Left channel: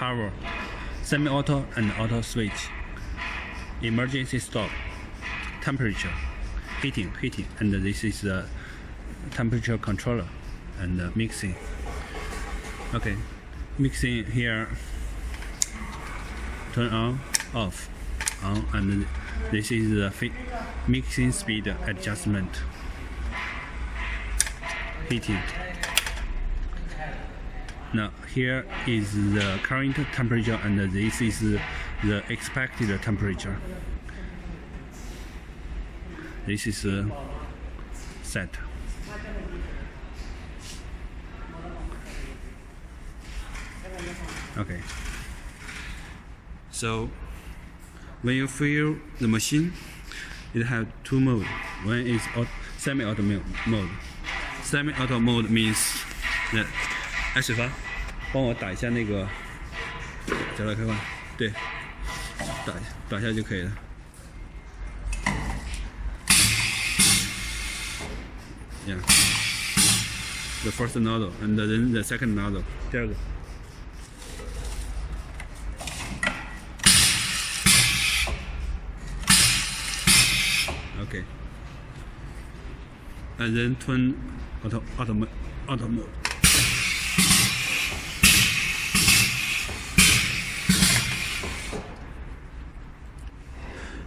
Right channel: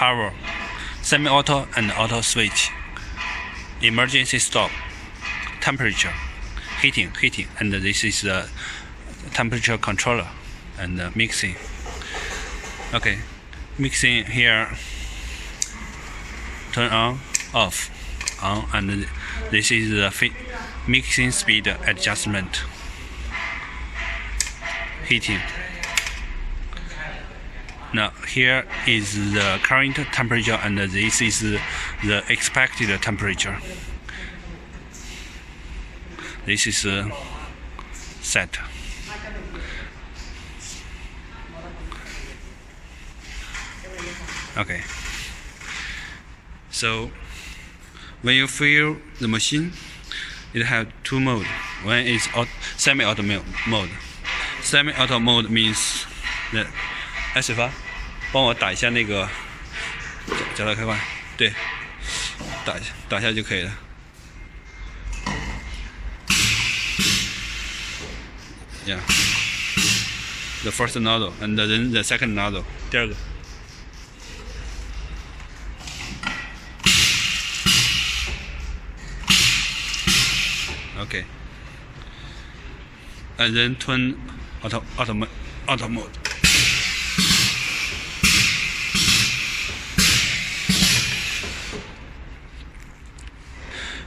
power, semi-auto and auto switch, emergency stop, temperature, heating, and this is the temperature controller and mixing. Okay, mixing here, turn on, off, on, and this is the mixing speed adjustment. Heating. Now here is the current temperature and this is the expected temperature. This is set. Okay. So when you fill the machine, it has two modes. One is semi-auto mode. Semi-auto mode means that 哎，水发，帮我打一下那个脚踏开关，对，打一下就可以了。Yeah, the first nozzle and then the second nozzle， 第二个。Okay, and then turn auto mode.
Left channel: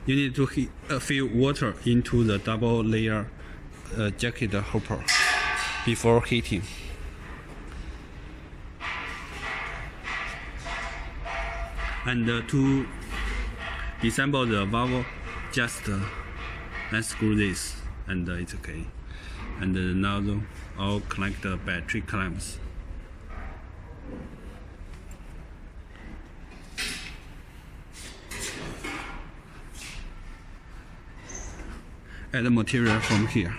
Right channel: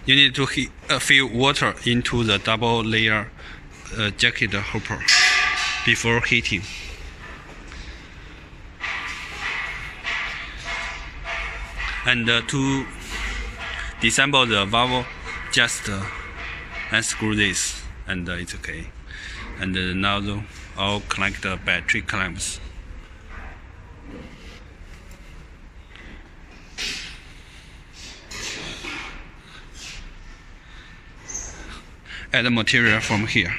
You need to fill water into the double layer jacket hopper before heating. And to disassemble the valve, just unscrew this and it's okay. And the nozzle all connect the battery clamps. Add the material from here.